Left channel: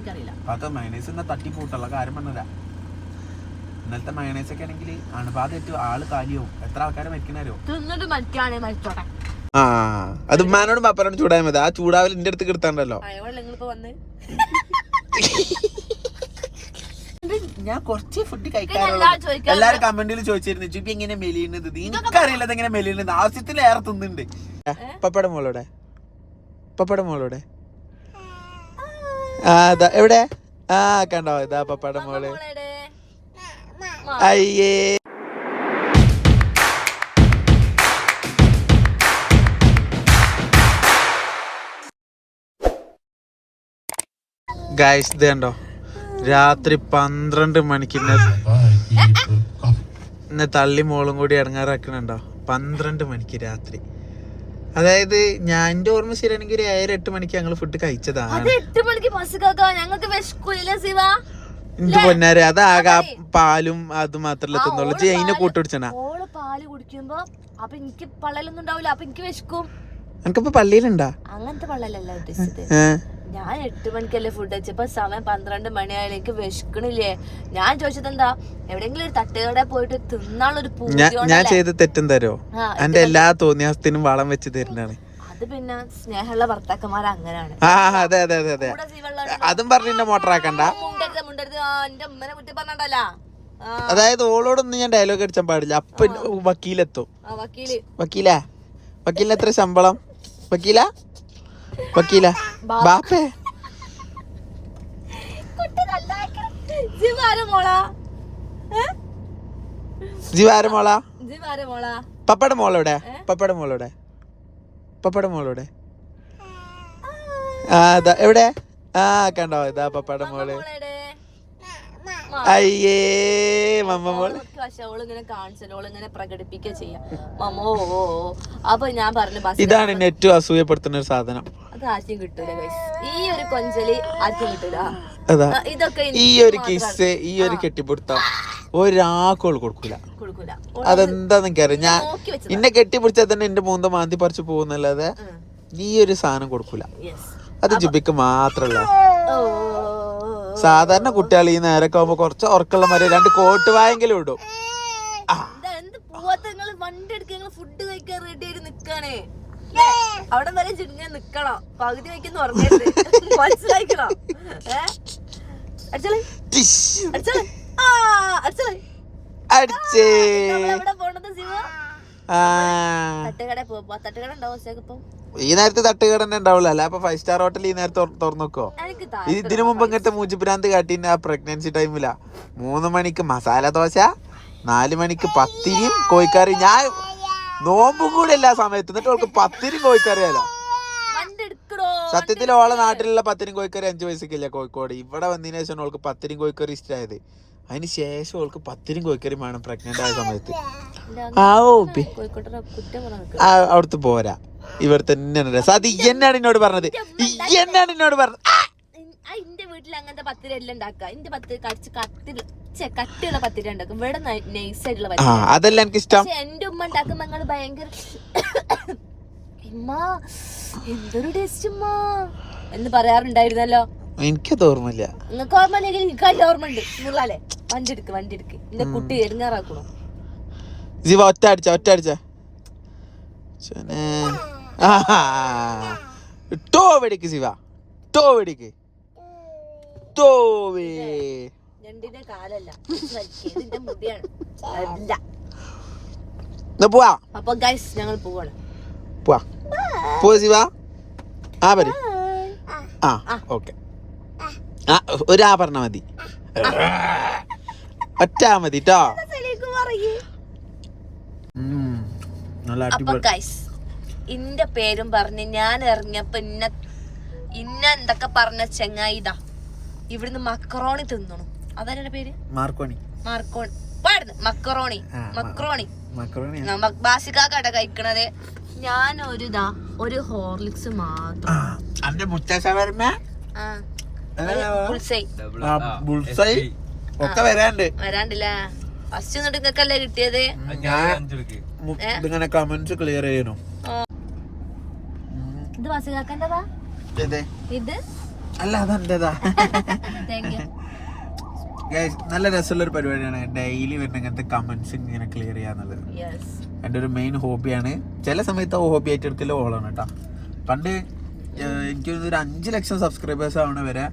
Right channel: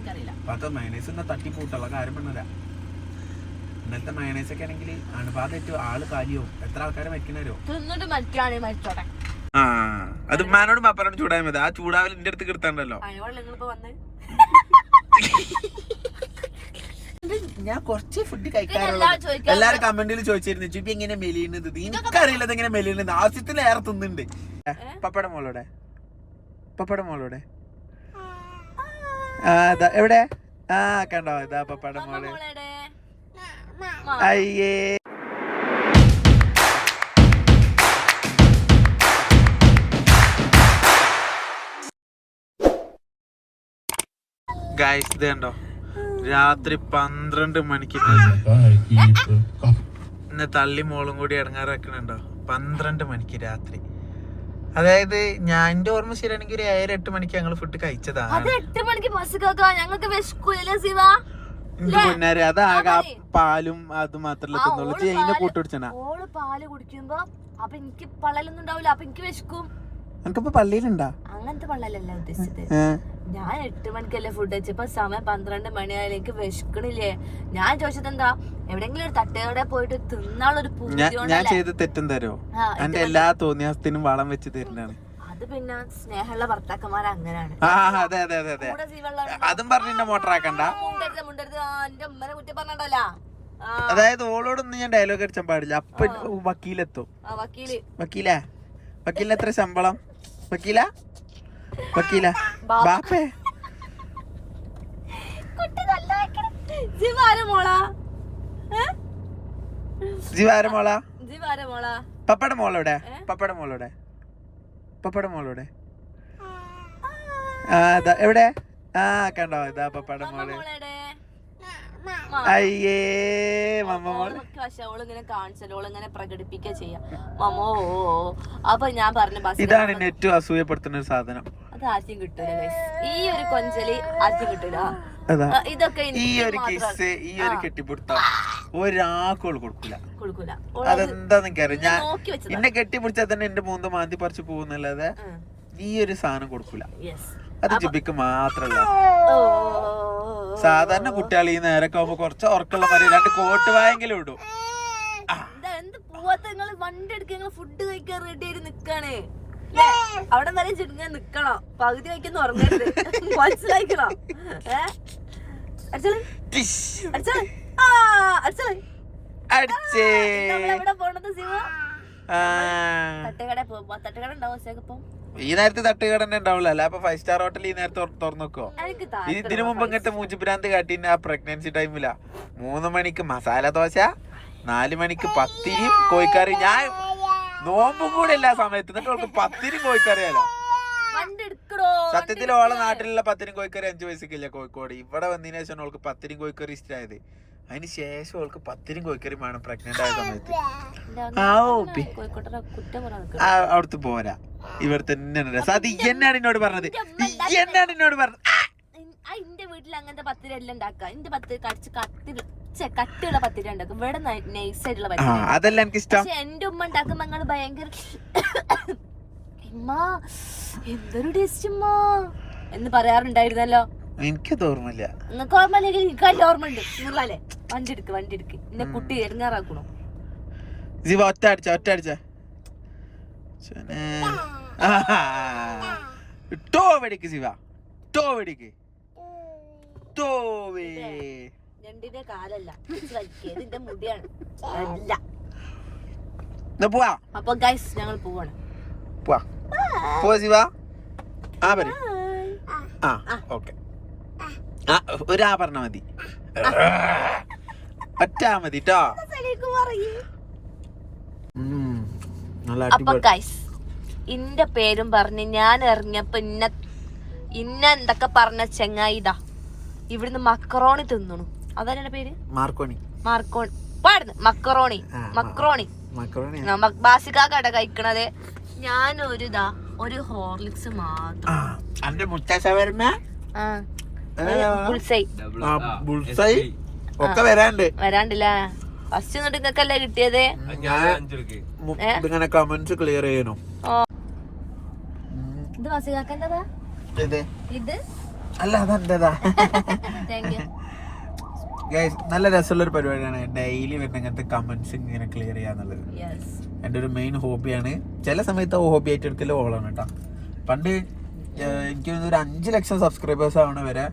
എനിക്കറിയില്ല. അത് മയണൈസ് എന്നാ തട്ടിപ്പൂട്ടുള്ള കാര്യം പറഞ്ഞതാ. ഇന്നലത്തെ മയണൈസ് ഒക്കെ ആണെങ്കിൽ അണുബാധ ഏറ്റവും ആൾ കാലിയാവും എത്ര ആൾക്കാരെ മരിക്കണോ തിന്നിട്ട് മരിക്കാണെ മരിച്ചോട്ടെ. ആ അത് ഉമ്മാനോട് പപ്പനോട് ചൂടായ മതി. ആ ചൂടാവൽ എന്റെ അടുത്ത് കിടത്താണ്ടല്ലോ. ഞാൻ കുറച്ച് ഫുഡ് കഴിക്കാറുള്ളൂ. എല്ലാവരും എല്ലാരും കമന്റിൽ ചോദിച്ചിരുന്നു ചുപ്പി എങ്ങനെ മെലിയുന്നത്? എനിക്കറിയില്ല എങ്ങനെ മെലിയുന്നത്. ആവശ്യത്തിലേറെ തിന്നുണ്ട്. പപ്പടം മോളോടെ? പപ്പടം മോളോടെ? ആ ഇതാ എവിടെ? ആ കണ്ടോ ഇതാ പപ്പട മോൾ. അയ്യേ. ഗൈസ് ഇത് കണ്ടോ? രാത്രി പന്ത്രണ്ട് മണിക്ക് ഇന്ന് തള്ളി മോളും കൂടി ഇറങ്ങാറാക്കണുണ്ടോ പന്ത്രണ്ട് മണിക്ക് രാത്രി. അതായത് ഞാൻ എന്റെ ഓർമ്മ ശരിയാണെങ്കിൽ ഒരു ഏഴര എട്ട് മണിക്ക് ഞങ്ങൾ ഫുഡ് കഴിച്ചതാണ്. അത് എട്ട് മണിക്ക് ബസ് കേക്കാ ഞങ്ങൾക്ക് വിശക്കൂലേ ശിവ പൊന്നാരെ അതാകെ പാലും അത് മാത്രല്ല കൂട്ടുപിടിച്ചാ തിന്നുള്ളൂ. കൂട്ടുപിടിച്ചണ ഓൾ പാൽ കുടിക്കുമ്പോ അപ്പൊ എനിക്ക് പള്ളലൊന്നും ഉണ്ടാവില്ല അപ്പൊ എനിക്ക് വിശക്കും. എനിക്കിപ്പോ പള്ളിയിലുണ്ടോ? അങ്ങനത്തെ പള്ളലല്ല ഉദ്ദേശിച്ചത്. ഞാൻ എട്ട് മണിക്കല്ലേ ഫുഡ് വെച്ചപ്പോ സമയം പന്ത്രണ്ട് മണിയായാലേക്ക് വിശക്കണില്ലേ? ഞാൻ ചോദിച്ചത് എന്താ എവിടെങ്കിലും ഒരു തട്ടുകട പോയിട്ട് തിന്നാളൊരു ഞാൻ ചെയ്ത് തെറ്റും തരോ? എന്റെ എല്ലാ തോന്നിയാസത്തിനും വളം വെച്ച് തരുന്നതാണ്. അത് പിന്നെ സ്നേഹമുള്ള ഭർത്താക്കന്മാർ അങ്ങനെയാണ്. അതെ അതെ അതെ അതെ. അതും പറഞ്ഞു എന്നെ മോട്ടറാക്കണ്ട. മുണ്ടരുത് മുണ്ടരുത്. എന്റെ ഉമ്മനെ കുറ്റി പറഞ്ഞണ്ടല്ലോ. ആ. അതായത് ഓളോടൊന്നും ഞാൻ ഡയലോഗ് അടിച്ചാൻ പാടില്ല. അപ്പൊ വക്കീലെത്തും. വക്കീൽ. വക്കീലാ? വക്കീലിന് എത്ര ശമ്പളം? വക്കീല ബാ- ബാപ്പേ. കുട്ടി നല്ല ജീവാര മോളാ? ഏ? ജീവാര മോളാ? ജീവാര മോളാ? പപ്പട മോളെവിടെ പപ്പട മോളെവിടെ പപ്പട മോളെവിടെ ആ. ഇതാ എവിടെ? ആ കണ്ടോ? ഇതാ പപ്പട മോൾ. അയ്യേ പ്രകടിപ്പിക്കുക ചെയ്യാം. മമ്മോ. അപ്പൊ ഞാൻ പറഞ്ഞു ബസ് ഇതാണ് ഏറ്റവും അസൂയപ്പെടുത്തുന്ന ഒരു സാധനം. അത് ആദ്യം കിട്ടൂല guys. ഈ ഒരു കൊഞ്ചലി ആദ്യം കിട്ടൂല. അതാ. ഇതൊക്കെ ഈ ഒരു കിസ് ഈ ഒരു കെട്ടിപ്പിടുത്തം കൊടുക്കൂല. കൊടുക്കൂല. അതെന്താന്ന് എനിക്കറിയാം ഞാൻ എന്നെ കെട്ടിപ്പിടിച്ചാൽ തന്നെ എന്റെ മൂന്ന് മാന്തി പറിച്ചു പോകുന്നല്ലാതെ. ഈ ഒരു സാധനം കൊടുക്കൂല. അത് ജുബിക്ക് മാത്രല്ല. സാധാരണ കുട്ടികൾ ഈ നേരൊക്കെ ആവുമ്പോ കുറച്ച് ഉറക്കുള്ള മതി രണ്ട് കോട്ട് വായെങ്കിലും ഇടും. വണ്ടി എടുക്ക നിങ്ങൾ ഫുഡ് കഴിക്കാൻ റെഡി ആയിട്ട് നിക്കാണ്? അവിടെ വരെ ചുരുങ്ങാൻ നിക്കണം. പകുതി ഉറങ്ങരുത്. മനസ്സിലാക്കണം തട്ടുകട ഉണ്ടാവും ഇപ്പം? ഈ നേരത്തെ തട്ടുകട തന്നെ ഉണ്ടാവുള്ളൂ. അല്ല അപ്പൊ ഫൈവ് സ്റ്റാർ ഹോട്ടൽ ഈ നേരത്തെ തുറന്നു നോക്കോ ഇതിനു മുമ്പ് ഇങ്ങനത്തെ മൂച്ചുപ്രാന്ത് കാട്ടിന്റെ ആ പ്രഗ്നൻസി ടൈമിലാ മൂന്ന് മണിക്ക് മസാല ദോശ നാല് മണിക്ക് പത്തിരിയും കോഴിക്കറി ഞാൻ നോമ്പും കൂടെ എല്ലാ സമയത്ത്. എന്നിട്ട് അവൾക്ക് പത്തിരിയും കോഴിക്കറിയാലോ സത്യത്തിൽ ഓളെ നാട്ടിലുള്ള പത്തിരിയും കോഴിക്കറി അഞ്ചു പൈസക്കില്ല കോഴിക്കോട്. ഇവിടെ വന്നതിന് ശേഷം അവൾക്ക് പത്തിരിയും കോഴിക്കറി ഇഷ്ടമായത് അതിന് ശേഷം ഓൾക്ക് പത്തിനും കോഴിക്കറിയും വേണം പ്രഗ്നന്റ് ആയ സമയത്ത്. ആ ഓപ്പി അവിടുത്തെ പോരാ. ഇവിടെ തന്നെ ഈ എന്നാണ് എന്നോട് പറഞ്ഞത്. എന്നാണ് എന്നോട് പറഞ്ഞത്. എന്റെ വീട്ടിൽ അങ്ങനത്തെ പത്തിരി എല്ലാം ഉണ്ടാക്കുക എന്റെ പത്തിരി കടിച്ച് ഛെ, കട്ടിയുള്ള പത്തിരി ഉണ്ടാക്കും. ഇവിടെ നൈസ് ആയിട്ടുള്ള പത്തിരി അതല്ല എനിക്ക് ഇഷ്ടം. പക്ഷെ എന്റെ ഉമ്മ ഉണ്ടാക്കുമ്പോ ഞങ്ങൾ ഭയങ്കര ഉമ്മ എന്തൊരു ടേസ്റ്റ് ഉമ്മ. എന്ന് പറയാറുണ്ടായിരുന്നല്ലോ. എനിക്കത് ഓർമ്മയില്ല. നിങ്ങൾക്ക് ഓർമ്മ അല്ലെങ്കിൽ എനിക്ക് അതിന്റെ ഓർമ്മ ഉണ്ട് നിങ്ങളല്ലേ? വണ്ടി എടുക്ക് വണ്ടി എടുക്ക് എന്റെ കുട്ടി എടുങ്ങാറാക്കണോ ജീവ ഒറ്റ അടിച്ച ഒറ്റ അടിച്ച. ടോ വെടിക്ക് ശിവ. ടോ വെടിക്ക്. തോവേ രണ്ടിന്റെ കാലല്ല. ഇതിന്റെ മുടിയാണ്. അല്ല പോവാ. അപ്പൊ ഗൈസ് ഞങ്ങൾ പോവാണ്. പോവാ. പോ ശിവ. ആ പരി ആ ഓക്കെ ആ. ഒരു ആ പറഞ്ഞ മതി. ഒറ്റ ആ മതി ട്ടോ. നല്ല അപ്പൊ അടിപൊളി. ഗൈസ് ഇന്റെ പേരും പറഞ്ഞ് ഞാൻ ഇറങ്ങിയപ്പോ ഇന്ന ഇന്ന എന്തൊക്കെ പറഞ്ഞ ചെങ്ങായിതാ ഇവിടുന്ന് മക്കറോണി തിന്നണു. അതാണ് പേര്? മാർക്കോണി. മാർക്കോണി. പാടുന്നു. Macaroni macaroni. ബാസിക്കാക്കട കഴിക്കണത്. ഞാൻ ഒരു ഇതാ ഒരു ഹോർലിക്സ് മാത്രം. ആ ബുൾസൈ ഒക്കെ വരാണ്ട് വരാണ്ടില്ല ഫസ്റ്റ് എന്നിട്ട് നിങ്ങൾക്കല്ലേ കിട്ടിയത്? ഞാൻ ഇതിങ്ങനെ കമന്റ്സ് ക്ലിയർ ചെയ്യണു. ഇത് ബാസിക്കാക്കന്റെതാ ഇതേ. ഇത്? അല്ല അതെന്റേതാ? ഗൈസ് നല്ല രസമുള്ള ഒരു പരിപാടിയാണ്. ഡെയിലി വരുന്ന ഇങ്ങനത്തെ കമന്റ്സ് ഇങ്ങനെ ക്ലിയർ ചെയ്യാന്നുള്ളത് യെസ് എന്റെ ഒരു മെയിൻ ഹോബിയാണ് ചില സമയത്ത് ഹോബി ആയിട്ട് എടുക്കൽ ഓളാണ് കേട്ടോ. പണ്ട് എനിക്ക് ഒരു അഞ്ച് ലക്ഷം സബ്സ്ക്രൈബേഴ്സ് ആവണ വരെ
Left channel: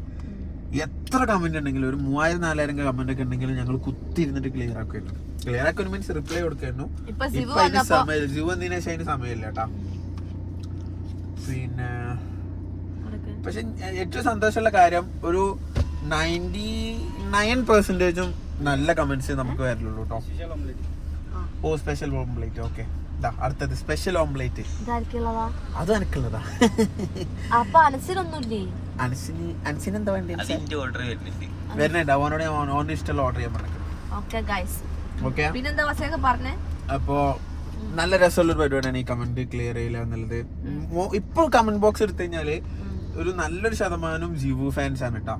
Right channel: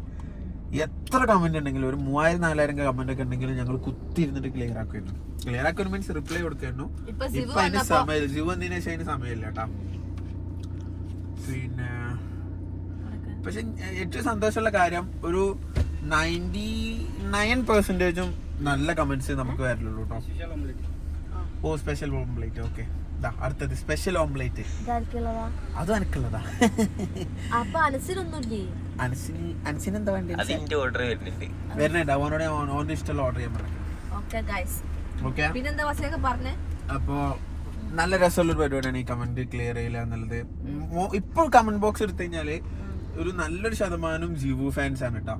എത്ര കമന്റ് ഉണ്ടെങ്കിലും ഒരു മൂവായിരം നാലായിരം കമന്റ് ഒക്കെ ഉണ്ടെങ്കിലും ഞങ്ങൾ കുത്തി ഇരുന്നിട്ട് ക്ലിയർ ആക്കുമായിരുന്നു. ക്ലിയർ ആക്കുന്ന മീൻസ് റിപ്ലൈ കൊടുക്കായിരുന്നു. ഇപ്പൊ അതിന് വന്നപ്പോ സമയം ജീവ വന്നതിന് ശേഷം അതിന് സമയമില്ല കേട്ടാ. പിന്നെ പക്ഷെ ഏറ്റവും സന്തോഷമുള്ള കാര്യം ഒരു നയന്റി നയൻ പെർസെന്റേജും നല്ല കമൻസ് നമുക്ക് വരലുള്ളൂ കേട്ടോ. ഓ സ്പെഷ്യൽ ഓംപ്ലേറ്റ് ഓക്കെ അടുത്തത്. സ്പെഷ്യൽ ഓംപ്ലേറ്റ് അത് എനിക്കുള്ളതാ അപ്പൊ അനസിനൊന്നുമില്ലേ? അൻസിന് അൻസിന് എന്താ വേണ്ടി അതിന്റെ ഓർഡർ വരുന്നുണ്ട്. വരുന്നുണ്ട്. അവനോട് ഞാൻ ഇഷ്ടമുള്ള ഓർഡർ ചെയ്യാൻ പറഞ്ഞു ഓക്കെ ഗൈസ് ഓക്കെ പിന്നെന്താ വസയൊക്കെ പറഞ്ഞേ? അപ്പോ നല്ല രസമുള്ള ഒരു പരിപാടിയാണ് ഈ കമന്റ് ക്ലിയർ ചെയ്യില്ല എന്നുള്ളത്. ഇപ്പോൾ കമന്റ് ബോക്സ് എടുത്തു കഴിഞ്ഞാൽ ഒരു നല്ലൊരു ശതമാനം ജിവു ഫാൻസ് ആണ് കേട്ടോ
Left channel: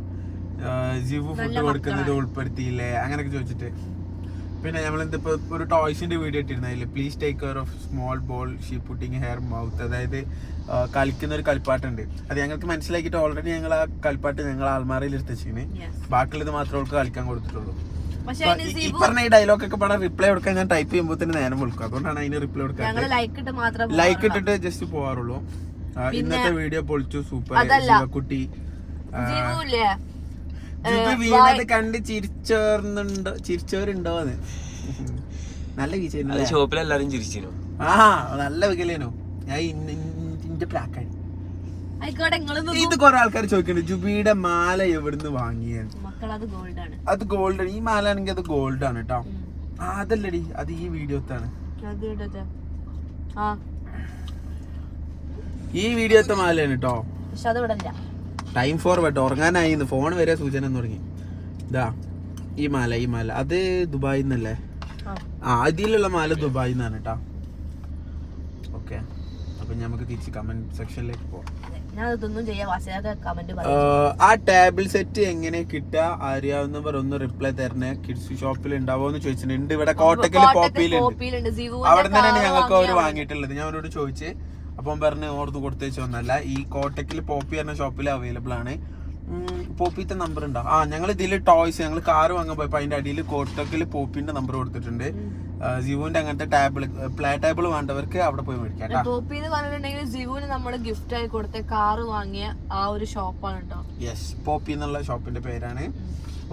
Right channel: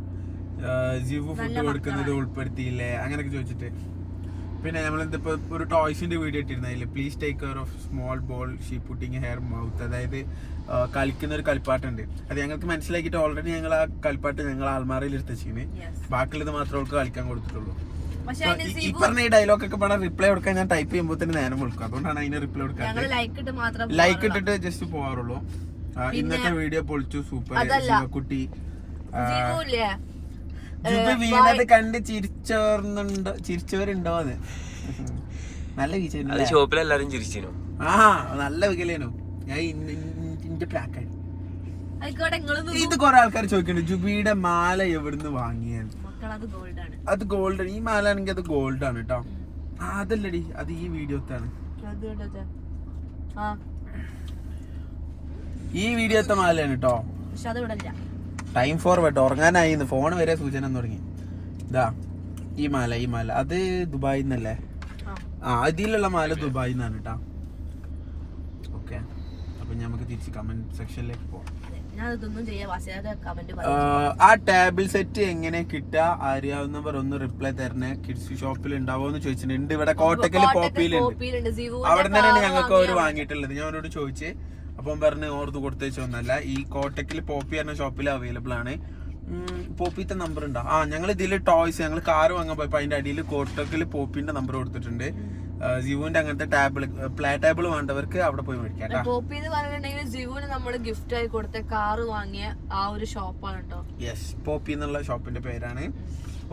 ജിവു ഫുഡ് കൊടുക്കുന്നത് ഉൾപ്പെടുത്തിയില്ലേ? അങ്ങനെയൊക്കെ ചോദിച്ചിട്ട്. പിന്നെ നമ്മൾ എന്തിപ്പോ ഒരു ടോയ്സിന്റെ video ഇട്ടിരുന്നില്ല please take care of small ball she putting her mouth അതായത് കളിക്കുന്ന ഒരു കളിപ്പാട്ടുണ്ട്. അത് ഞങ്ങൾക്ക് മനസ്സിലാക്കിയിട്ട് ഓൾറെഡി ഞങ്ങൾ ആ കളിപ്പാട്ട് ഞങ്ങൾ ആൽമാറയിൽ എടുത്തുവെച്ചിന് ബാക്കിയുള്ളത് മാത്രമേ അവൾക്ക് കളിക്കാൻ കൊടുത്തിട്ടുള്ളൂ. ഈ- പറഞ്ഞ ഈ ഡയലോഗ് ഒക്കെ ഇവിടെ റിപ്ലൈ കൊടുക്കാൻ ഞാൻ ടൈപ്പ് ചെയ്യുമ്പോൾ തന്നെ നേരം വിളിക്കും. അതുകൊണ്ടാണ് അതിന് റിപ്ലൈ കൊടുക്കാൻ ലൈക്ക് ഇട്ടിട്ട് ജസ്റ്റ് പോവാറുള്ളൂ. ഇന്നത്തെ വീഡിയോ പൊളിച്ചു സൂപ്പർ കുട്ടി ശിവക്കുട്ടി വീണത് കണ്ട് ചിരിച്ചോർന്നുണ്ടോ? ചിരിച്ചോരുണ്ടോന്ന്? നല്ല അത് വീഴ്ച ഷോപ്പിൽ എല്ലാരും ചിരിച്ചിരുന്നു. ആ നല്ല വികലേനു. ഞാൻ ഇന്റെ നിങ്ങൾ ഇത് കൊറേ ആൾക്കാർ ചോദിക്കുന്നുണ്ട് ജുബിയുടെ മാല എവിടുന്ന് വാങ്ങിയാണ് അത് ഗോൾഡ് ആണ്. അത് ഗോൾഡ് ഈ മാല ആണെങ്കിൽ അത് ഗോൾഡ് ആണ് കേട്ടോ അതല്ലടി അത് ഈ വീഡിയോത്താണ്. അത് കേട്ടോ ആ. ഈ വീഡിയോത്തെ മാലയാണ് കേട്ടോ പക്ഷെ അത് വിടല്ല ടൈം ഫോർവേഡ് ഉറങ്ങാനായി ഫോൺ വരെ സൂചന തുടങ്ങി. ഇതാ ഈ മാല ഈ മാല. അത് ദുബായിൽ നിന്നല്ലേ ആ. അതിലുള്ള മാല ദുബായിൽ നിന്നാണ് കേട്ടോ ഓക്കെ അപ്പൊ നമുക്ക് തിരിച്ച് കമന്റ് സെക്ഷനിലേക്ക് പോവാം. ആ ടേബിൾ സെറ്റ് എങ്ങനെ കിട്ടുക അറിയാവുന്നവർ ഒന്ന് റിപ്ലൈ തരണേ. കിഡ്സ് ഷോപ്പിൽ ഉണ്ടാവോ എന്ന് ചോദിച്ചിട്ടുണ്ട്. ഇവിടെ കോട്ടക്കൽ പോപ്പിയിലുണ്ട്. അവിടെ തന്നെയാണ് ഞങ്ങൾക്ക് അവർ വാങ്ങിയിട്ടുള്ളത്. ഞാൻ അവരോട് ചോദിച്ച്. അപ്പം പറഞ്ഞ് ഓർത്ത് കൊടുത്തേച്ച് ഒന്നല്ല ഈ കോട്ടക്കിൽ പോപ്പി പറഞ്ഞ ഷോപ്പിൽ അവൈലബിൾ ആണ്. ഉം, പോപ്പിത്തെ നമ്പർ ഉണ്ടോ? ആ ഞങ്ങൾ ഇതിൽ ടോയ്സ് ഞങ്ങൾ കാർ വാങ്ങാൻ പോയപ്പോൾ അതിന്റെ അടിയിൽ കോട്ടക്കിൽ പോപ്പിന്റെ നമ്പർ കൊടുത്തിട്ടുണ്ട്. ജിവുവിന്റെ അങ്ങനത്തെ ടേബിൾ പ്ലേ ടേബിൾ വേണ്ടവർക്ക് അവിടെ പോയി മേടിക്കാം പോപ്പി എന്ന് പറഞ്ഞിട്ടുണ്ടെങ്കിൽ ജിവുവിന് നമ്മൾ ഗിഫ്റ്റ് ആയി കൊടുത്ത കാറ് വാങ്ങിയ ആ ഒരു ഷോപ്പാണ് കേട്ടോ യെസ് പോപ്പി എന്നുള്ള ഷോപ്പിന്റെ പേരാണ്.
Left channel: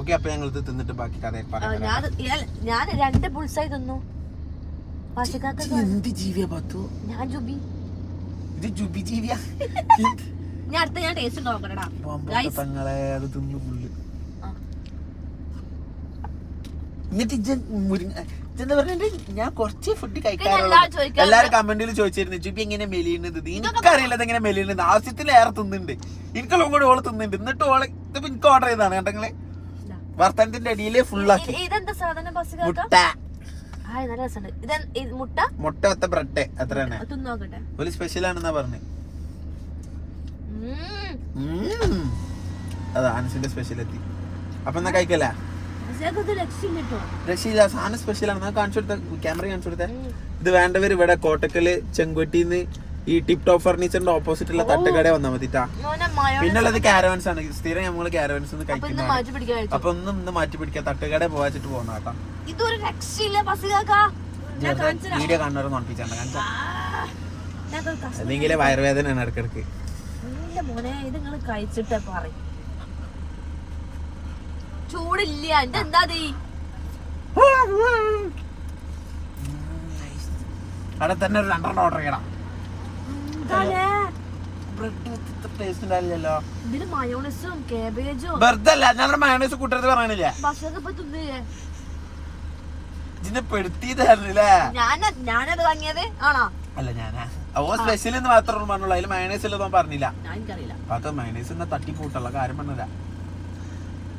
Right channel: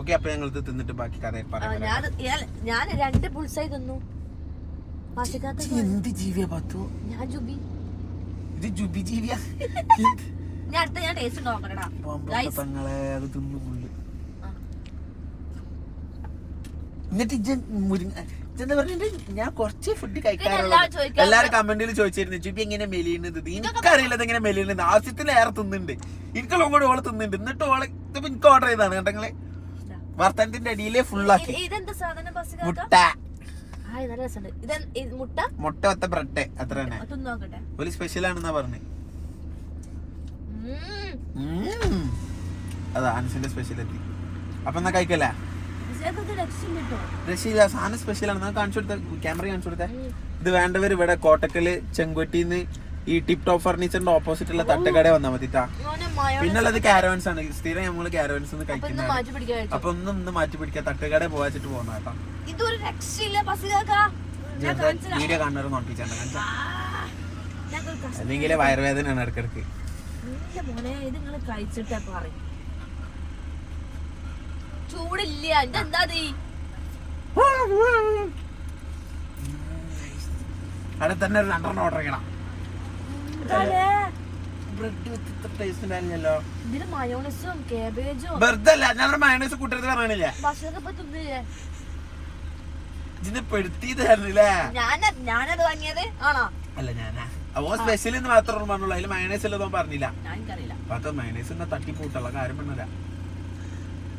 ഓക്കെ അപ്പൊ ഞങ്ങൾ ഇത് തിന്നിട്ട് ബാക്കി കഥ ഞാൻ രണ്ട് പുൾസായി തിന്നു. ഞാൻ ജുബി. ഇത് ജുബി ജീവിയാ ഞാൻ അടുത്ത ഞാൻ ടേസ്റ്റ് നോക്കണടാ തങ്ങളെ അത് തിന്നു പുള്ളി. എന്നിട്ട് ഇജ്ജൻ മുരിങ്ങ ഇജ്ജെന്താ പറഞ്ഞിട്ട് ഞാൻ കുറച്ച് ഫുഡ് കഴിക്കാറുള്ളൂ എല്ലാരും കമന്റിൽ ചോദിച്ചിരുന്നു ചുപ്പി എങ്ങനെ മെലിയുന്നത്? എനിക്കറിയില്ല എങ്ങനെ മെലിയുന്നത്. ആവശ്യത്തിൽ ഏറെ തിന്നുന്നുണ്ട് എനിക്കുള്ള കൂടെ ഓൾ തിന്നുന്നുണ്ട് എന്നിട്ട് ഓൾ ഇതിപ്പോ എനിക്ക് ഓർഡർ ചെയ്താണ് കണ്ടെങ്കിൽ വർത്തനത്തിന്റെ അടിയിലെ ഫുള്ളാക്കി മുട്ട. ആ നല്ല രസമുണ്ട്. ഇത് മുട്ട? മുട്ട ഒത്ത ബ്രെഡ് അത്ര തന്നെ അത് തിന്ന് നോക്കട്ടെ. ഒരു സ്പെഷ്യൽ ആണെന്നാ പറഞ്ഞു. അതാ അനുസിന്റെ സ്പെഷ്യൽ എത്തി അപ്പൊ എന്നാ കഴിക്കല്ലേ? രക്ഷയില്ല സാധനം ആണ്. ഞാൻ കാണിച്ചു കൊടുത്ത ക്യാമറ കാണിച്ചു കൊടുത്തേ. ഇത് വേണ്ടവർ ഇവിടെ കോട്ടക്കൽ ചെങ്കൊട്ടിന്ന് ഈ ടിപ് ടോപ്പ് ഫർണിച്ചറിന്റെ ഓപ്പോസിറ്റ് ഉള്ള തട്ടുകട വന്നാൽ മതിട്ടാ പിന്നുള്ളത് കാരവൻസ് ആണ് സ്ഥിരം നമ്മൾ കാരവൻസ് കഴിക്കുന്ന അപ്പൊ ഒന്നും ഇന്ന് മാറ്റി പിടിക്കാം തട്ടുകട പോവാച്ചിട്ട് പോകുന്ന. വീഡിയോ കാണുന്നവരെ നോട്ടിപ്പിച്ചാണ്ട് കാണിച്ചാ അല്ലെങ്കിൽ വയറുവേദനയാണ് ഇടക്കിടക്ക് കഴിച്ചിട്ടേ പറയും ചൂടില്ല എന്റെ എന്താ? അവിടെ തന്നെ ഒരു രണ്ടെണ്ണം ഓർഡർ ചെയ്യണം മയോണസും കേബേജും ഞാൻ മയണൈസ് കൂട്ടരുത് പറയണില്ലേ? ഇതിനെ പെടുത്തിയതായിരുന്നില്ലേ ഞാൻ ഞാനത് വാങ്ങിയത്. ആണോ? അല്ല ഞാനാ. ഓ സ്പെഷ്യൽ എന്ന് മാത്രം പറഞ്ഞുള്ളൂ. അതിൽ മയണൈസ് ഉള്ളതൊന്നും പറഞ്ഞില്ല. അപ്പൊ മയണൈസ് എന്നാ തട്ടിപ്പൂട്ടുള്ള കാര്യം പറഞ്ഞതാ.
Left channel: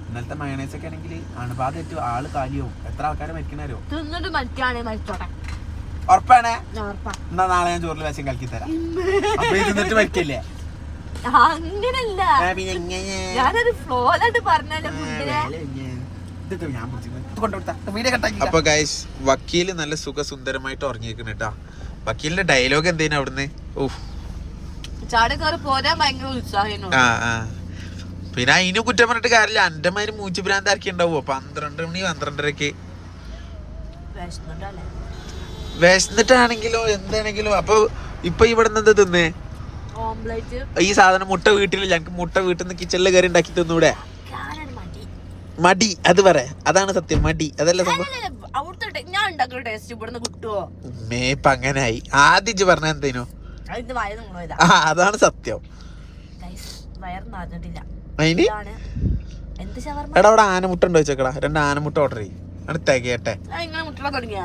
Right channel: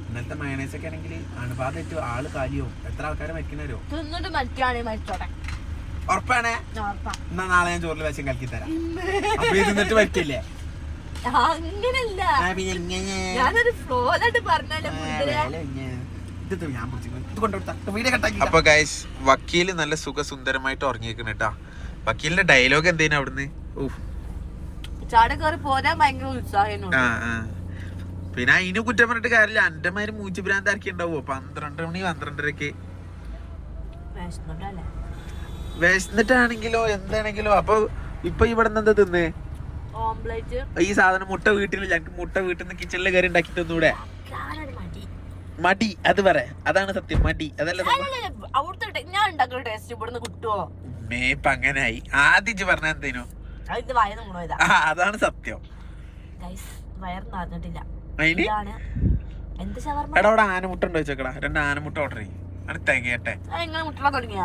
ഇന്നലത്തെ മയണൈസ് ഒക്കെ ആണെങ്കിൽ അണുബാധ ഏറ്റവും ആൾ കാര്യവും എത്ര ആൾക്കാരെ മരിക്കണോ തിന്നിട്ട് മരിക്കാണെ മരിച്ചോട്ടെ. ഉറപ്പാണേ? എന്നാ നാളെ ഞാൻ ചോറിൽ വെച്ചും കലക്കി തരാം. അപ്പൊ ഇത് തിന്നിട്ട് മരിക്കില്ലേ അങ്ങനല്ല? ഞാനൊരു ഫ്ലോലായിട്ട് പറഞ്ഞല്ലേ അപ്പൊ ഗൈസ് വക്കീൽ നല്ല സുഖസുന്ദരമായിട്ട് ഉറങ്ങിയിരിക്കുന്നു കേട്ടാ. വക്കീലിന്റെ ഡയലോഗ് എന്തേനു അവിടുന്ന്? പിന്നെ അതിന് കുറ്റം പറഞ്ഞിട്ട് കാര്യമില്ല. എന്റെ മാതിരി മൂച്ചു ഭ്രാന്ത് ആർക്കി ഉണ്ടാവുമോ പന്ത്രണ്ട് മണി പന്ത്രണ്ടരക്ക്. വിശന്നിട്ടാണെങ്കിലോ എന്താണെങ്കിലോ. അപ്പൊ ഇപ്പൊ ഇവിടെ നിന്ന് എന്താ തിന്നേ? ഈ സാധനം മുട്ട വീട്ടിൽ ഞങ്ങക്ക് മുട്ട വീട്ടിൽ നിന്ന് കിച്ചണിൽ കയറി ഉണ്ടാക്കി തിന്നൂടെ? മടി. അത് പറ. അതാണ് സത്യം മടി. അതല്ല അവിടുത്തെ ഞാൻ ഉണ്ടാക്കുന്ന ടേസ്റ്റ് ഇവിടുന്ന് മേപ്പ് അങ്ങനായി. ആദ്യം പറഞ്ഞ എന്തേനു? അതാണ് സത്യം. എടാ അവിടെ ആനമുട്ട ഉണ്ടോ ചോക്കടാ രണ്ട് ആനമുട്ട ഓർഡർ ചെയ്യും. അടുത്തേക്കട്ടെ തികയട്ടെ. മുട്ട തുടങ്ങിയ.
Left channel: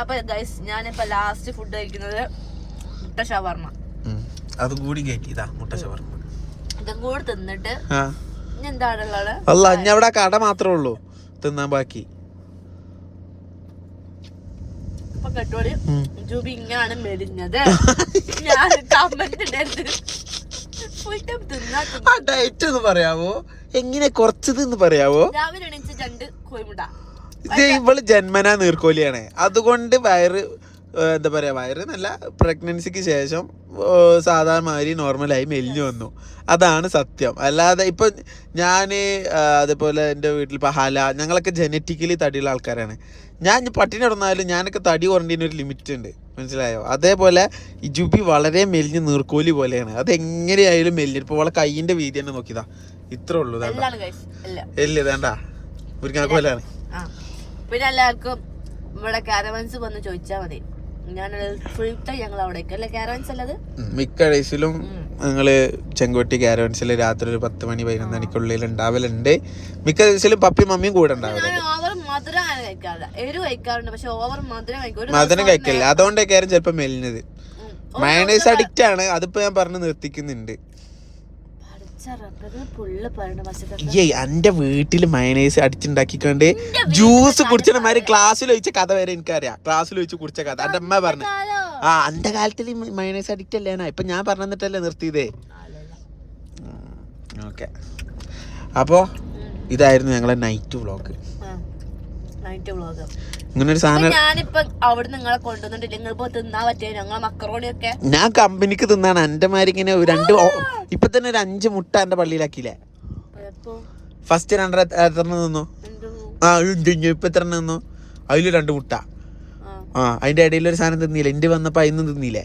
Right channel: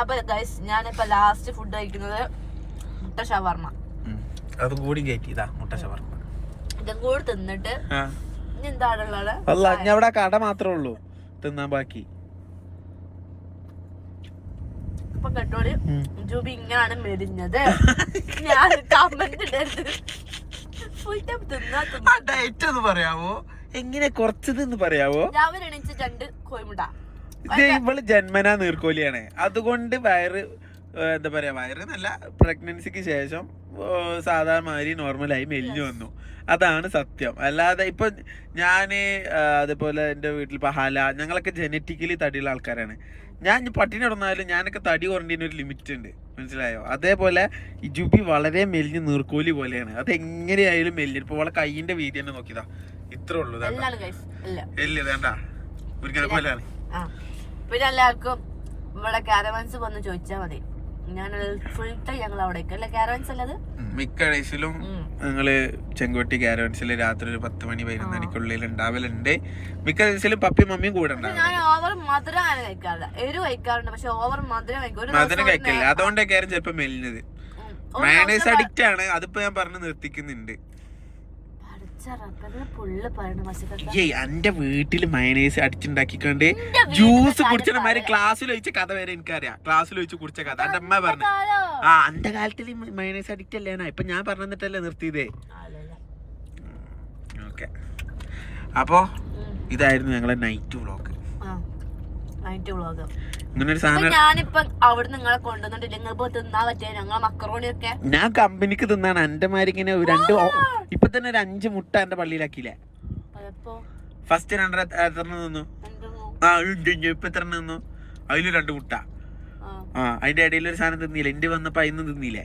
അപ്പൊ ഗൈസ് ഞാനിപ്പോ ലാസ്റ്റ് ഫുഡ് കഴിക്കുന്നത് മുട്ട ഷവർമ്മ. അതും കൂടി കയറ്റിതാ മുട്ട ഷവർമ്മ ഇതും കൂടി തിന്നിട്ട് എന്താണുള്ളത് അല്ല അവിടെ കട മാത്രമേ ഉള്ളൂ. തിന്നാൻ ബാക്കി. ഇപ്പൊ കേട്ടോളി. ജൂബി ഇങ്ങനെയാണ് മെലിഞ്ഞത്. ഞാൻ കമന്റ് ഫുൾ ടൈം തിന്നാ എങ്ങനെ കുറച്ചത് എന്ന് പറയാവോ? രാവിലെ കോയിമുട്ട ഇത് ഇവൾ ജന്മനാ നീർക്കോലിയാണ്. അതുകൊണ്ട് വയറ് എന്താ പറയാ വയറ് നല്ല പ്രഗ്നൻസിക്ക് ശേഷം സാധാരണ നോർമലായി മെലിഞ്ഞു വന്നു. അതാണ് സത്യം. അല്ലാതെ ഇപ്പൊ ഞാൻ ആ, അതുപോലെ എന്റെ വീട്ടിൽ ഇപ്പൊ ഹല ഞങ്ങളൊക്കെ ജനറ്റിക്കലി തടിയുള്ള ആൾക്കാരാണ്. ഞാൻ പട്ടിണി കിടന്നാലും ഞാനൊക്കെ തടി കുറഞ്ഞതിന് ഒരു ലിമിറ്റ് ഉണ്ട്. മനസ്സിലായോ? അതേപോലെ ഇജുബി ജുബി വളരെ മെലിഞ്ഞ് നീർക്കോലി പോലെയാണ്. അത് എങ്ങനെയായാലും മെലിഞ്ഞു. ഇപ്പൊ അവളെ കൈയിന്റെ വീതി തന്നെ നോക്കിയതാ. ഇത്രേ ഉള്ളൂ എല്ല് വേണ്ട മുരിങ്ങാക്കോലാണ് പിന്നെ എല്ലാവർക്കും ഇവിടെ കാരവൻസ് വന്ന് ചോദിച്ചാൽ മതി. മിക്ക ഡേയ്സിലും നിങ്ങൾ ഞങ്ങൾ ചെങ്കോട്ടി കാരവൻസിൽ രാത്രി ഒരു പത്ത് മണി പതിനൊന്ന് മണിക്കുള്ളിൽ ഉണ്ടാവലുണ്ട്. മിക്ക ദിവസവും പപ്പി മമ്മിയും കൂടെ മധുരം കഴിക്കില്ല. അതുകൊണ്ടൊക്കെയായിരുന്നു ചിലപ്പോ മെലിഞ്ഞത്. മയണൈസ് അഡിക്റ്റ് ആണ്. അതിപ്പോ ഞാൻ പറഞ്ഞു നിർത്തിക്കുന്നുണ്ട്. എന്റെ വീട്ടിൽ മയനൈസ് അടിച്ചുണ്ടാക്കിക്കൊണ്ട് ജ്യൂസ് കുടിച്ചത് മാതിരി ക്ലാസ്സിൽ ഒഴിച്ച കഥ വരെ എനിക്കറിയാം ക്ലാസ്സിൽ ഒഴിച്ച് കുടിച്ച കഥ എന്റെ അമ്മ പറഞ്ഞു? ആ എന്റെ കാലത്തിൽ മയനൈസ് അഡിക്റ്റ് അല്ലേനാ ഇപ്പൊ ഞാൻ പറഞ്ഞിട്ടല്ലേ നിർത്തിയതേ. ഓക്കെ അപ്പോ. ഇതായിരുന്നു ഞങ്ങളെ നൈറ്റ് വ്ളോഗ്. നൈറ്റ് വ്ളോഗ് സാധനം ഞാനിപ്പൊ അവിടെ നിങ്ങളെ കൊണ്ടുവന്നിട്ടില്ല? പറ്റിയ ഞങ്ങളെ ഞാൻ കമ്പനിക്ക് തിന്നാണ്. എന്റെ മാതിരി ഇങ്ങനെ രണ്ട് ഇപ്പൊ തന്നെ ഒരു അഞ്ച് മുട്ട എന്റെ പള്ളിയിലാക്കിയില്ലേ? ഫസ്റ്റ് രണ്ടര എത്ര നിന്നു ആ ഇപ്പൊ എത്ര നിന്നു അതിൽ രണ്ട് മുട്ട. ആ. അതിന്റെ ഇടയിൽ ഒരു സാധനം തിന്നില്ല? എന്റെ വന്നപ്പോ അതിന്നും തിന്നില്ലേ?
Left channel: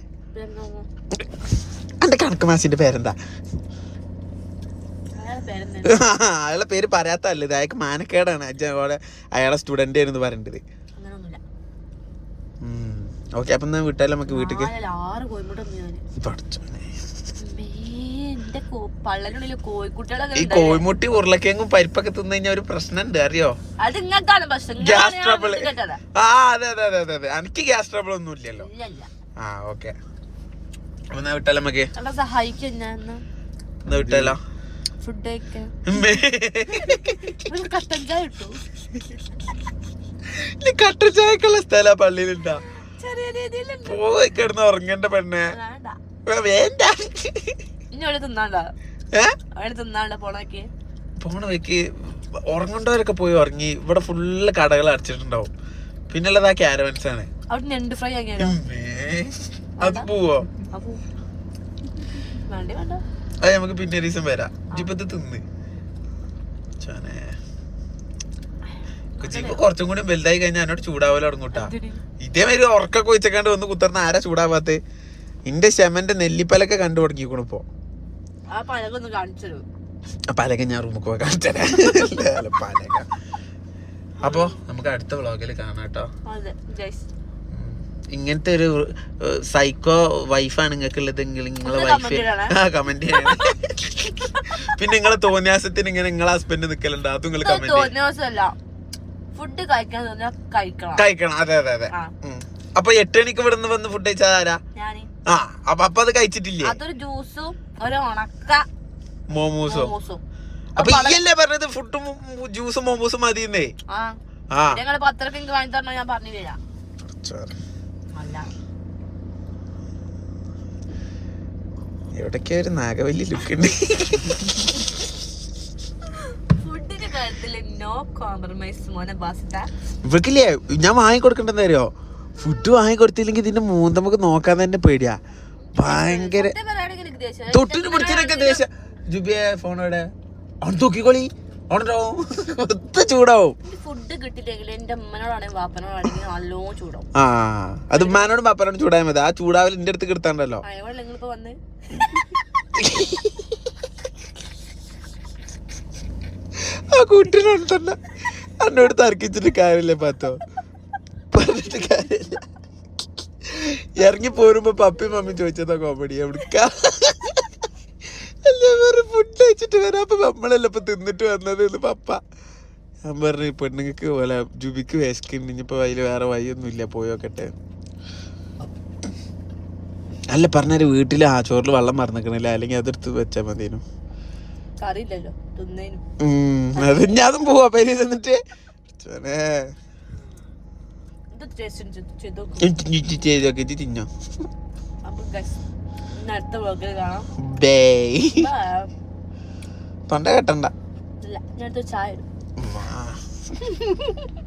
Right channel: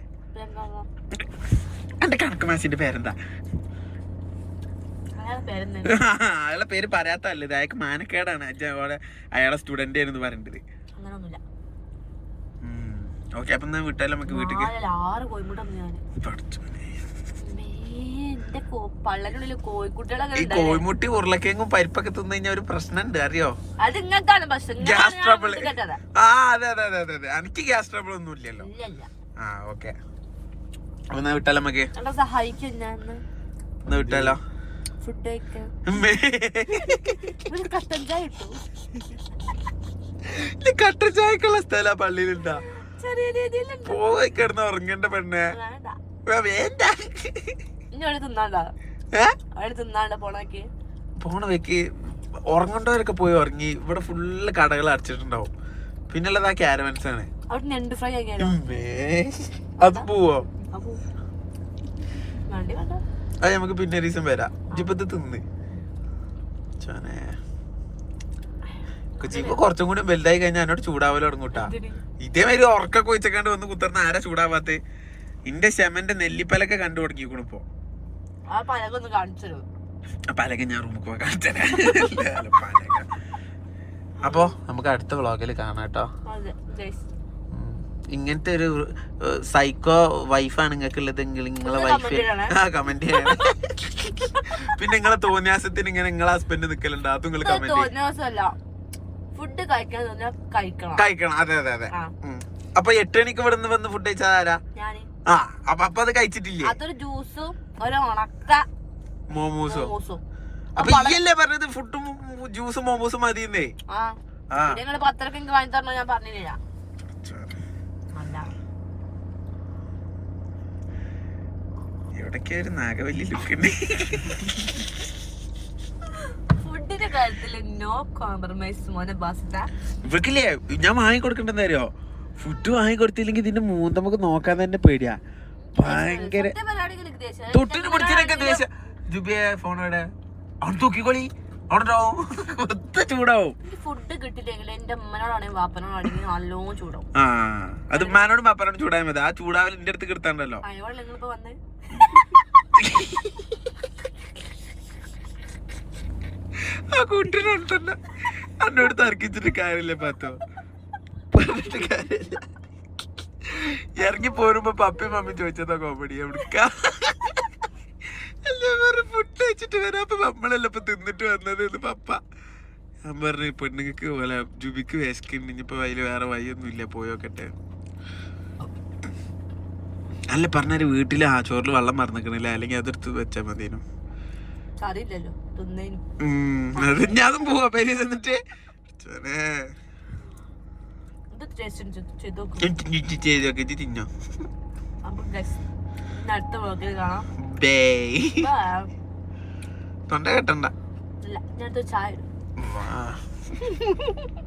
എന്റെ കണക്ക് മാസിന്റെ പേരെന്താ? അയാളെ പേര് പറയാത്തല്ലേ അയാൾക്ക് മാനക്കേടാണ്. അച്ഛൻ അയാളെ സ്റ്റുഡന്റ് ആയിരുന്നു പറയേണ്ടത് ഓക്കെ അപ്പൊ ഞാൻ വിട്ടാലും നമുക്ക് വീട്ടിലേക്ക് ആറ് കോഴിമുട്ട ഈ. കോഴിമുട്ടി ഉരുളക്കിഴങ്ങും പരിപ്പൊക്കെ തിന്നു കഴിഞ്ഞാൽ ഒരു പ്രശ്നമുണ്ട് അറിയോ? ഗ്യാസ് ട്രബിൾ ട്രബിൾ ആ അതെ അതെ അതെ അതെ അതെ. എനിക്ക് ഗ്യാസ് ട്രബിൾ ഒന്നും ഇല്ലല്ലോ. ഇല്ല ഇല്ല. ആ ഓക്കെ. അപ്പൊ എന്നാ വിട്ടാലോ നമുക്ക് സഹായിക്കും വിട്ടാലോ? ഫുഡ്. കട്ടൻ ചായ കട്ടൻ ചായക്കുള്ള സ്ഥല പള്ളിയിലുണ്ടാ. ചെറിയ പോയി കിടന്ന് ഉറങ്ങേണ്ട പെണ്ണെ. വേണ്ട. ഇനി അവിടെ തിന്നാണ്ട? ഏ? അവിടെ തിന്നാണ്ട പോണാക്കി? പോണ വെക്ക് ഉറങ്ങണ്ടവരൊക്കെ പോയി ഉറങ്ങി. ഇവിടെ ഫുള്ള് കടകൾ അടച്ചിട്ടുണ്ടാവും. പിന്നുള്ളത് ആ ക്യാരവൻസ് ആണ്. അത് പോവോ? അത് നമുക്ക് പിന്നെ ഒരു ദിവസം വരാം. ഇപ്പൊ ഇത് തിന്ന്. ചോനെ. കൊച്ചിപ്പോ കുറച്ചും കൂടി വലുതായി കഴിഞ്ഞാൽ എന്നോട് ചൂടാവല തുടങ്ങൂട്ടാ? ഇതേമാതിരി ഉറക്കൊക്കെ വെച്ചേക്കാണ്ട് വന്ന് കുത്തർന്ന ആരാ ചൂടാവാത്തെ? ഇന്റെ ശമന്റെ നെല്ലിപ്പലൊക്കെ കണ്ടു തുടങ്ങിക്കണു ഇപ്പൊ. പലക ഞാൻ റൂമിൽ പോയി കാണിച്ചത് പലക. അപ്പോ നമുക്ക് അടുത്ത വ്ളോഗിൽ കാണാം കേട്ടോ. ഇങ്ങനത്തെ ഒരു സൈക്കോ വൈഫാണ് നിങ്ങൾക്ക് ഉള്ളതെങ്കിൽ നിങ്ങളെ വൈഫ്. ആ കമന്റ് ചെയ്യണം. പിന്നെ നിങ്ങളെ തോന്നിയാസത്തിന് ഇങ്ങനെ നിങ്ങളെ ഹസ്ബൻഡ് നിക്കലുണ്ട്? അതും നിങ്ങൾ കമന്റ് ചെയ്യും. ഫുഡ് കഴിക്കാൻ തോന്നിയാ കഴിക്കണം. കഴിക്കണം. അതെ അതെ അതെ. അപ്പൊ എട്ട് മണിക്ക് ഇവിടെ നിന്ന് വന്ന് ഫുഡ് കഴിച്ചതാരാ ആരാ? ആ അപ്പൊ അപ്പൊ അത് കഴിച്ചിട്ടില്ലേ? അതൊരു ജ്യൂസും ഒരു ഉണക്ക മോമോസോ? അപ്പൊ ഇല്ലേ പറഞ്ഞത് ഫുഡും ജ്യൂസും മോമോസും മതി ഞങ്ങൾ പത്രക്ക് എനിക്ക് വാങ്ങി തരണോ ഞാൻ പറഞ്ഞില്ല എവിടൊക്കെ ഒരു നാഗവല്ലി ലുക്ക് ഉണ്ട്? ഫുഡിന്റെ കാര്യത്തിൽ നോ കോംപ്രമൈസ് മോനെ ബാസിട്ട ഞാൻ വാങ്ങിക്കൊടുക്കണ്ടെന്ന് അറിയോ ഫുഡ് വാങ്ങി കൊടുത്തില്ലെങ്കിൽ ഇതിന്റെ മൂന്ന് നമുക്ക് നോക്കാൻ തന്നെ പേടിയാ. ഭയങ്കര. തൊട്ടിന് പിടിച്ചിനൊക്കെ ദേശം ജുബിയെ ഫോണോടെ അവിടെ തൂക്കിക്കോളി. അവിടെ ചൂടാവും. ഫുഡ് കിട്ടില്ലെങ്കിൽ എന്റെ അമ്മനോടാണെങ്കിൽ വാപ്പനോടാണെങ്കിൽ നല്ലോണം ചൂടാവും. ആ അത് ഉമ്മാനോടും പാപ്പനോടും ചൂടായ മതി. ആ ചൂടാവൽ എന്റെ അടുത്ത് കിട്ടാണ്ടല്ലോ അതിനോട് നിങ്ങളിപ്പോ വന്നേ? ആ കുട്ടിനോട് തന്നെ അന്നോട് തർക്കിച്ചിട്ട് കാര്യമില്ല പത്തോ. പറഞ്ഞിട്ട് കാര്യമില്ല. ഇറങ്ങി പോരുമ്പോ പപ്പി മമ്മി ചോദിച്ചതാ കോമഡി എവിടുക്ക? ഫുഡ് കഴിച്ചിട്ട് വരാം. അപ്പൊ നമ്മളല്ല ഇപ്പൊ തിന്നിട്ട് വന്നത് എന്ന് പപ്പ. ഞാൻ പറഞ്ഞു പെണ്ണുങ്ങൾക്ക് പോലെ ജുബിക്ക് വിശക്കുണ്ട് ഇനിയിപ്പോ അതിൽ വേറെ വഴിയൊന്നും ഇല്ല പോയോക്കട്ടെ അല്ല പറഞ്ഞാൽ വീട്ടിൽ ആ ചോറിൽ വെള്ളം മറന്നിക്കണില്ല. അല്ലെങ്കിൽ അതെടുത്ത് വെച്ചാ മതിയോ അത് ഞാൻ പോവാ പേര് എന്നിട്ട് തിന്നോ. തൊണ്ട കെട്ടണ്ട. ചായ